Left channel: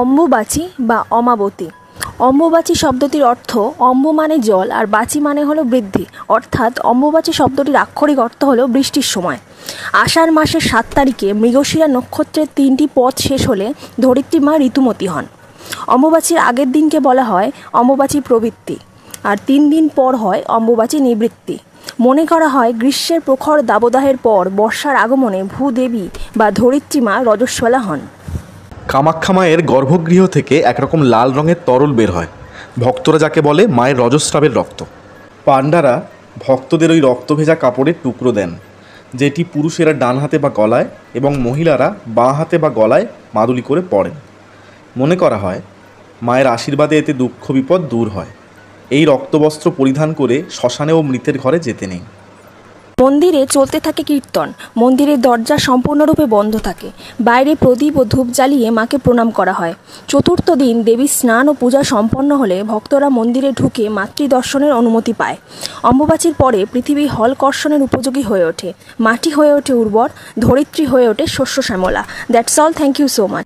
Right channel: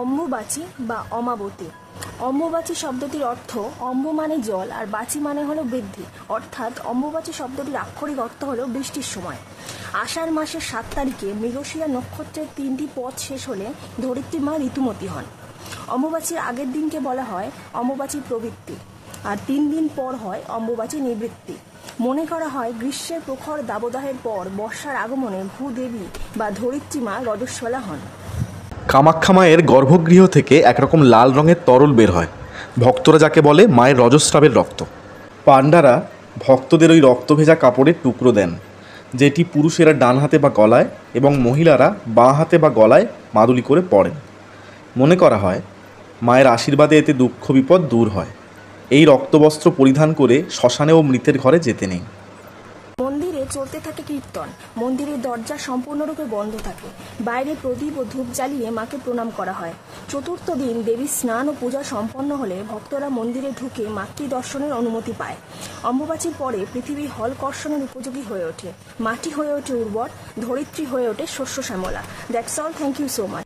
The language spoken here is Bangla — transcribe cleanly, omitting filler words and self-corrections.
অম্বুবাচী বা অমাবতী। অম্বুবাচী শব্দটির অর্থ অম্বু মানে জল আর বাচী মানে হলো বৃদ্ধি, অর্থাৎ অম্বুবাচী শব্দটির আক্ষরিক অর্থ হলো বৃষ্টির সময়। আষাঢ় মাসের 7 তারিখে মৃগশিরা নক্ষত্রের 3টি পদ শেষ হলে ধরিত্রী মা ঋতুমতী হন। অম্বুবাচীর আগের দিনকে বলা হয় অম্বুবাচী প্রবৃত্তি, আর 3 দিন পর হয় অম্বুবাচী নিবৃত্তি। মনে করা হয় গ্রীষ্মের প্রখর দাবদাহের পর বর্ষার আগমনে ভূদেবী বা ধরিত্রী মা রজস্বলা হন। কামাখ্যা মায়ের গর্ভগৃহ থেকে একরকম লাল রঙের তরল বের হয়, ভক্তরা যাকে বলে মায়ের রজস্রাবের রক্ত। পাণ্ডারা ভক্তদের ওই রক্ত ভেজা কাপড়ের টুকরো দেন, যেটি পুরুষেরা ডান হাতে বা গলায় এবং মহিলারা বাঁ হাতে বা গলায় মাদুলি করে পরেন। মনে করা হয় মায়ের আশীর্বাদে এতে দুঃখ বিপদ দূর হয়। এই রক্তবস্ত্র পরিধান করে শ্মশানেও মৃতের ঘরে যেতে নেই। মন্দিরে চলতে থাকে কীর্তন। মন্দিরের দরজা সম্পূর্ণরূপে বন্ধ থাকে। বাইরে প্রদীপ ও ধূপ জ্বালিয়ে মাকে প্রণাম করা হয়। চতুর্থ দিন দেবীর স্নান ও পূজা সম্পন্ন হলে ভক্তরা মন্দিরে ঢুকে মাতৃদর্শনের অনুমতি পায়। অম্বুবাচীর পরে পৃথিবী হলকর্ষণের উপযোগী হয়ে ওঠে, মাটি হয়ে ওঠে উর্বর, ধরিত্রী হয়ে ওঠে শস্য শ্যামলা। That's all, thank you so much.